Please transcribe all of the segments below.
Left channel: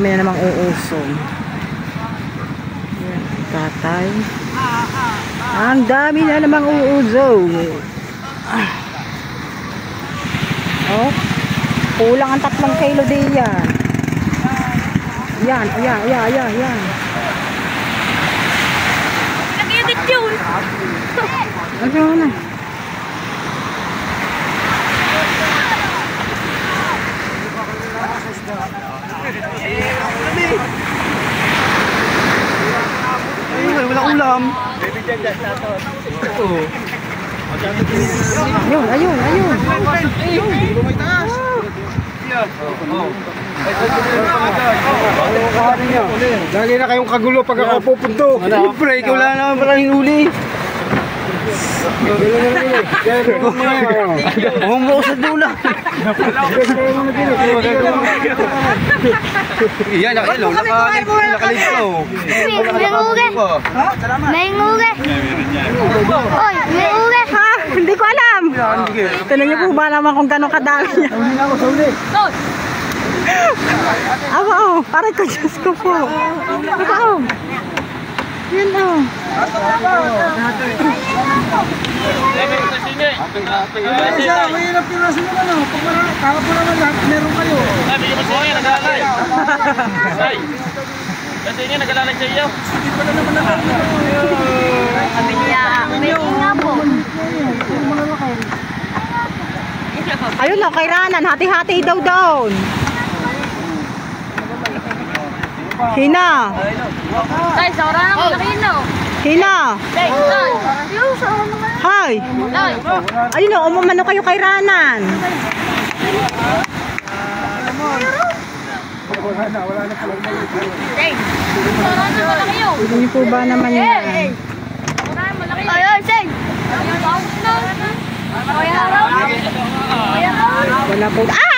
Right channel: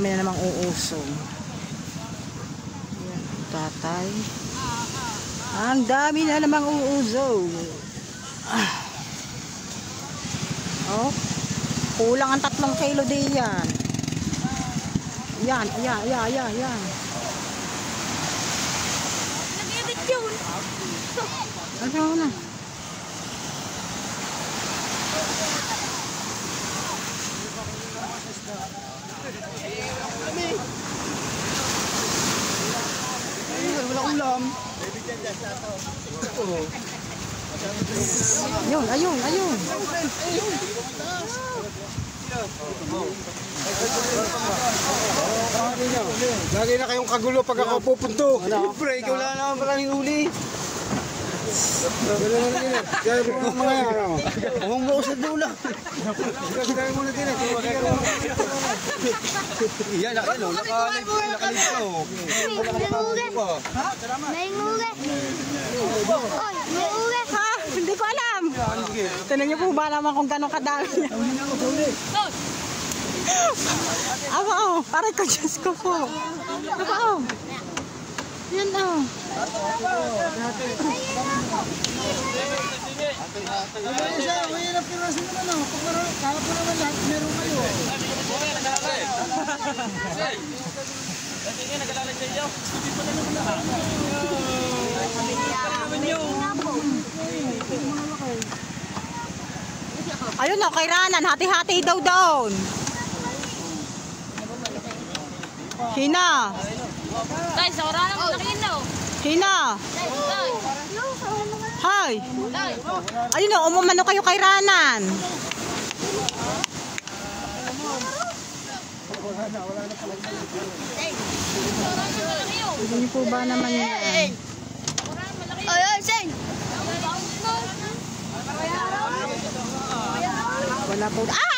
dami na namang uusong. Tatay. Ang dami na namang uusong. Oh, kulang ang 3 kilo din yan. Yan. Nag-edit yun. Ano na? Wala ulam. Ayun. Dali na kayong kagulo pag ako pupunto. Siyempre, ikaw wala naman pala hinuli. Huwag sa dula. Iyan, nakailaw. Nakalib ko. May nguge. Oy, may nguge. Ha? Hindi ko alam. Tinan niyo po ba naman kung gano'ng kadami niya? Awa, aray ko, Diyos ko po. Awa, yan o. Mahirap yung raso mo na. Pag kakapura naman lahat, meron kayo. Bigyan mo siya, nag-aalay. Kasi nga, nag-aalay sa iyo. Hindi pa na naman nag-aalay. Sabi niya, may nga po. Ayun na, kay Ranan, hati-hati daw doon. Hina. Tay, sa oras na ako nakino. Hina. Tay, yung sa oras naman. Hi. Tay. Ayun o, umamano kayo kay Ranan. Tay, sa oras na malaki yun. Hindi po ba naman yan? Malaki. Ay, say. Wala po. Ah!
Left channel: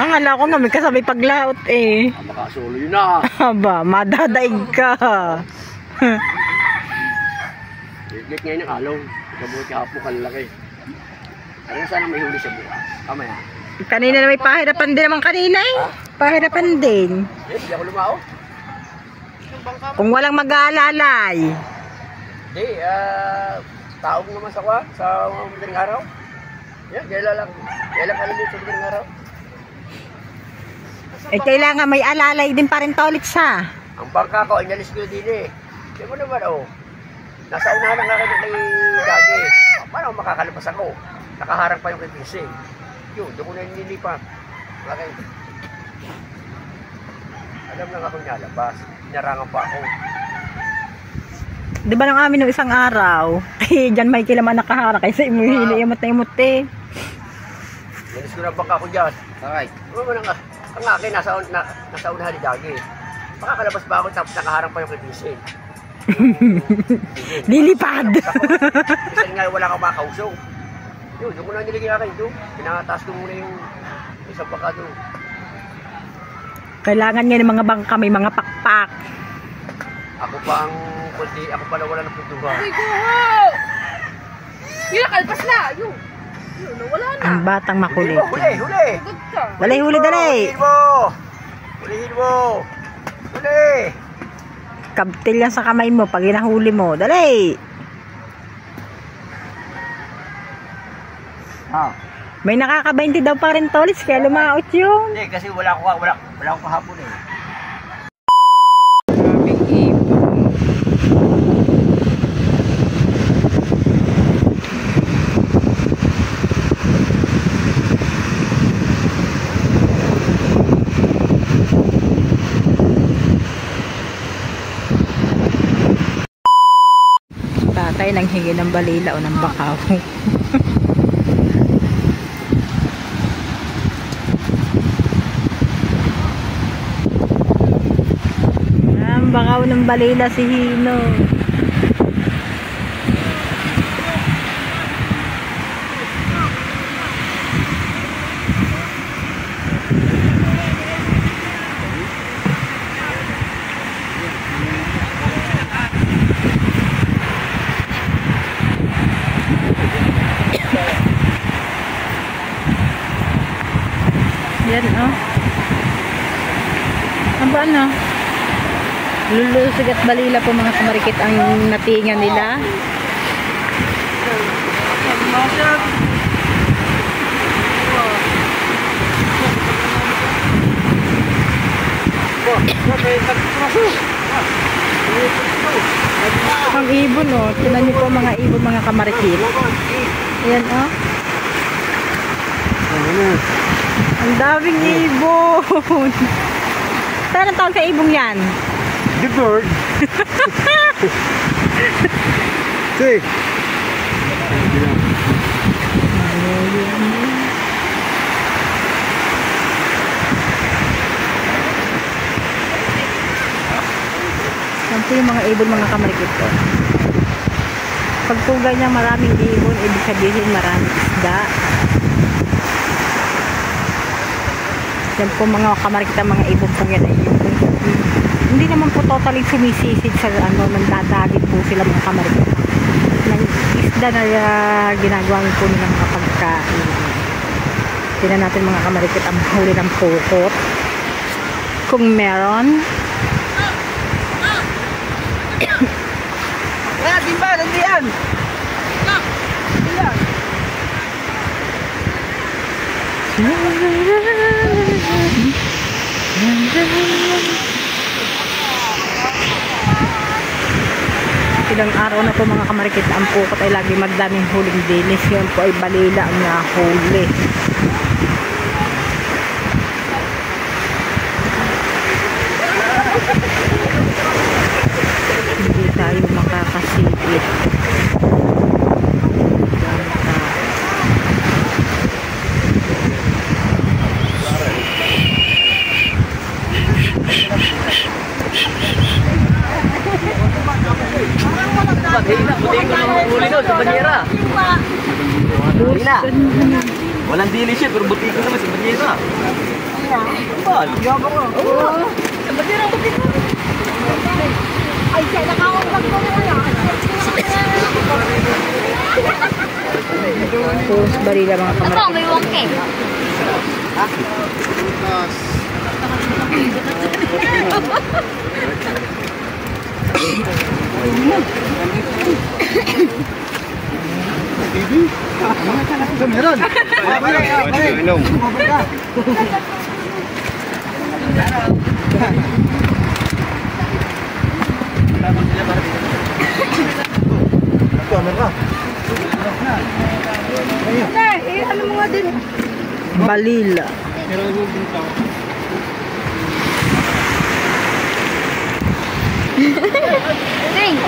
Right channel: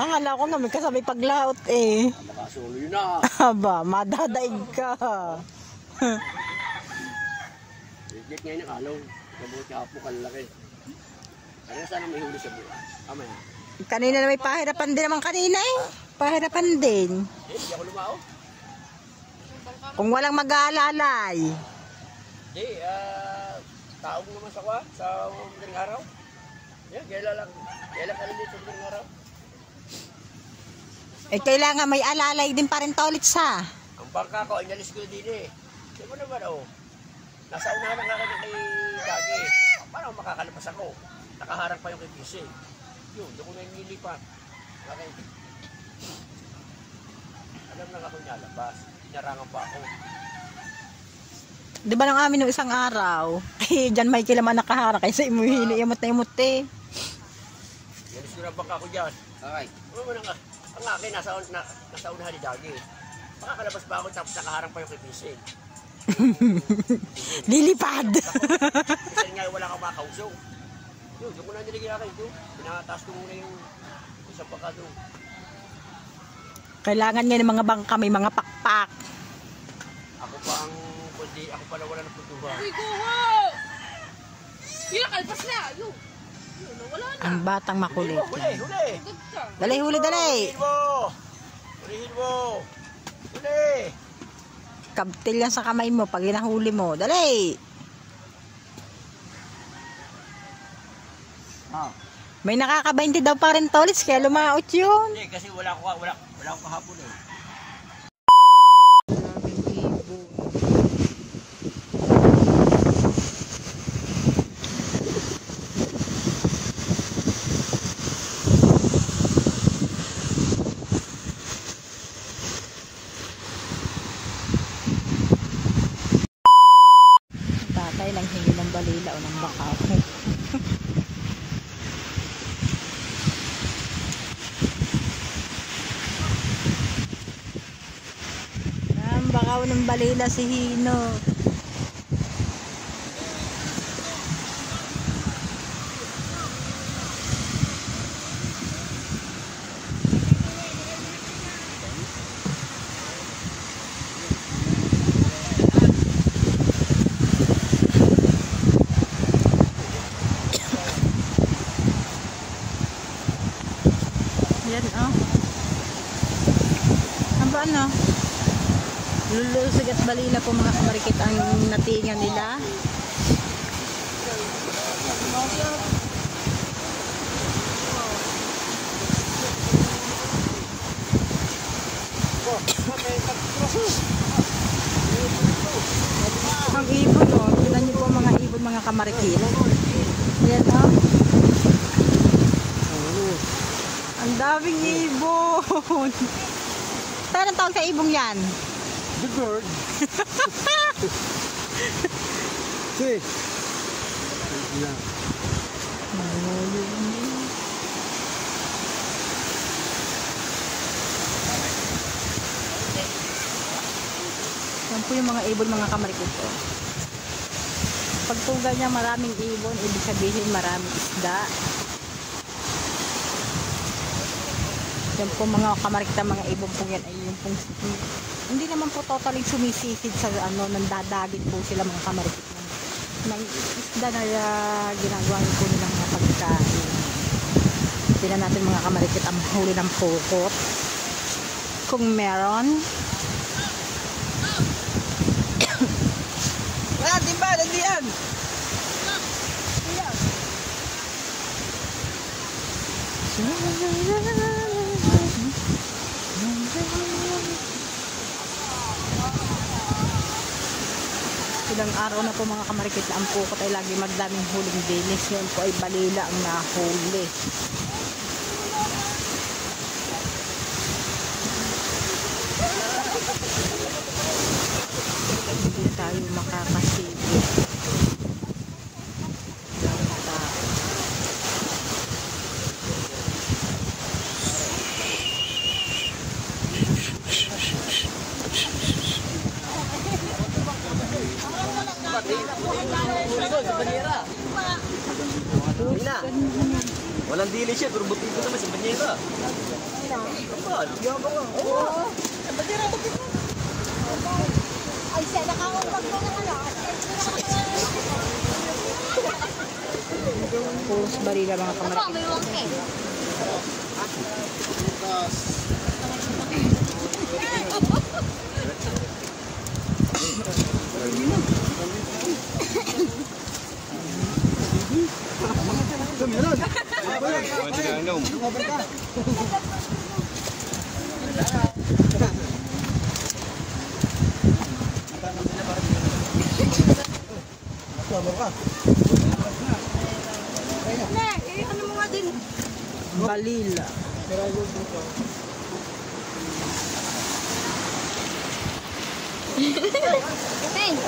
Ang ala ko naman kasabay paglaot eh. Makasuloy na. Aba, madadaig ka. Lit ngayon ang alaw. Mabuti hapo kalaki. Ano sana may huli sa buka? Kamaya. Kanina na may pahirapan din naman kanina eh. Pahirapan din. Hindi ako lumao. Kung walang mag-aalalay. Hindi, taog naman sa kwa, sa madaling araw. Yan, kailan kami dito sa madaling araw. Eh kailangan may alalay din pa rin tolit sa. Ang bangka ko, inalis ko din eh. Di mo naman nasa unahan ng akin kay Dagi. Paano makakalabas ako? Nakaharang pa yung kay PC. Yun, doon ko na nililipat. Okay. Alam lang akong nalabas. Inarangan pa ako. Di ba nang amin nung isang araw? Eh, dyan may kilaman nakaharang kaysa imuhili, imot na imot eh. Inalis ko na bangka ko dyan. Okay. Ano mo ang akin, nasa unahan ni Dagi. Makakalabas pa ako tapos nakaharang pa yung kay PC. Lilipad. Kasi nga wala kang makausong. Yun, doon ko na nilagay akin doon. Pinakataas ko muna yung isang baka doon. Kailangan nga ng mga bangka, may mga pakpak. Ako pa ang kundi, ako pala wala ng putuhan. Uy, kuho! Yun, nakalpas na. Yun, nawala na. Ang batang makulit. Huli! Good ka. Dali, huli, dali. Hulihin mo! Huli! Kabtil yan sa kamay mo pag hinahuli mo. Dali. May nakaka-20 daw pa rin tolis kaya lumaot yun. Hindi, kasi wala akong kahapon eh. Tatay nang hingi ng balila o ng bakaw. Bakaw ng balila si Hino. Ang ba ano? Lulusog at balila po mga kamarikit ang natingan nila. Ang ibon oh. Tignan niyo po mga ibon mga kamarikit. Ayan oh. Ang daming ibon. Saan ang tawag sa ibong yan? The bird. See. Yan po yung mga ibon mga kamarikit po. Pag po ganyan maraming ibon, ibig sabihin maraming isda. Yan po mga kamarikit ang mga ibon po yan ay hindi naman po totally sumisisid sa ano, nagdadagit po sila mga kamarikit. Ng isda na ginagawang po nilang mga pagkain. Tingnan natin mga kamarikit ang huli ng pukot. Kung meron. Timba, nandiyan! Ilang araw na po mga kamarikit ang pukot ay lagi magdaming huling dinis. Yun po ay balila ang nahuli. Hindi tayo makakasipit. Walang dili siya, pero buti ko naman sa banyera. Bal. Sa banyera, buti ko. Ay, siya, nakakawag ko na yan. Puros barila mga kamarikit. Ako, may wangke. Meron. Ano mo nga din? Balila. Ding,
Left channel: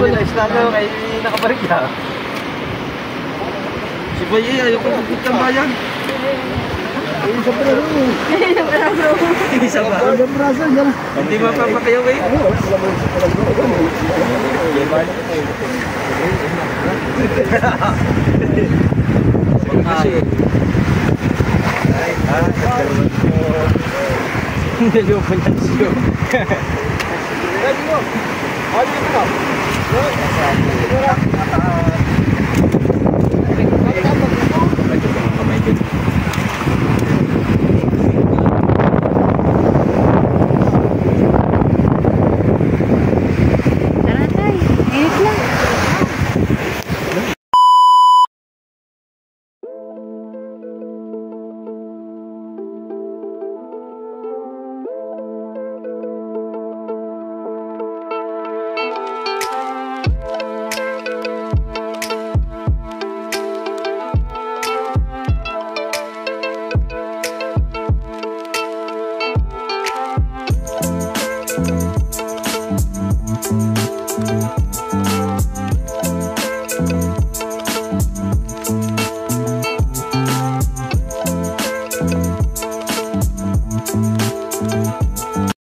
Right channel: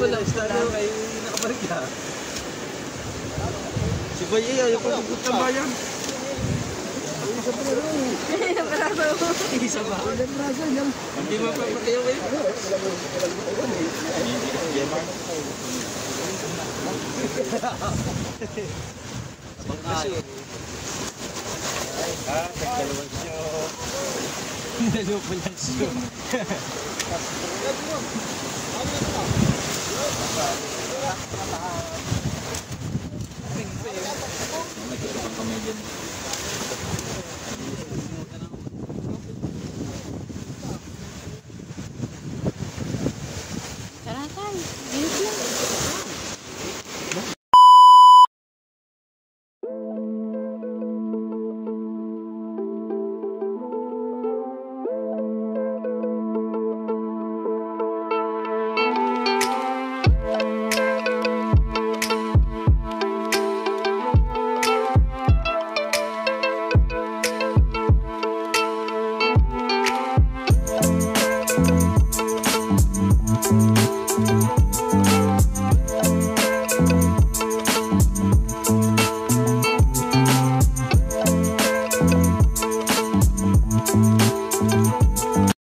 Wala, estado kay nakabarik na. Si Boy, ayoko pagkit ng bayan. Isa pa. Hindi mapapakayaw kayo. Hindi mo pa niyan siyo. Hindi mo. Ano yun mo?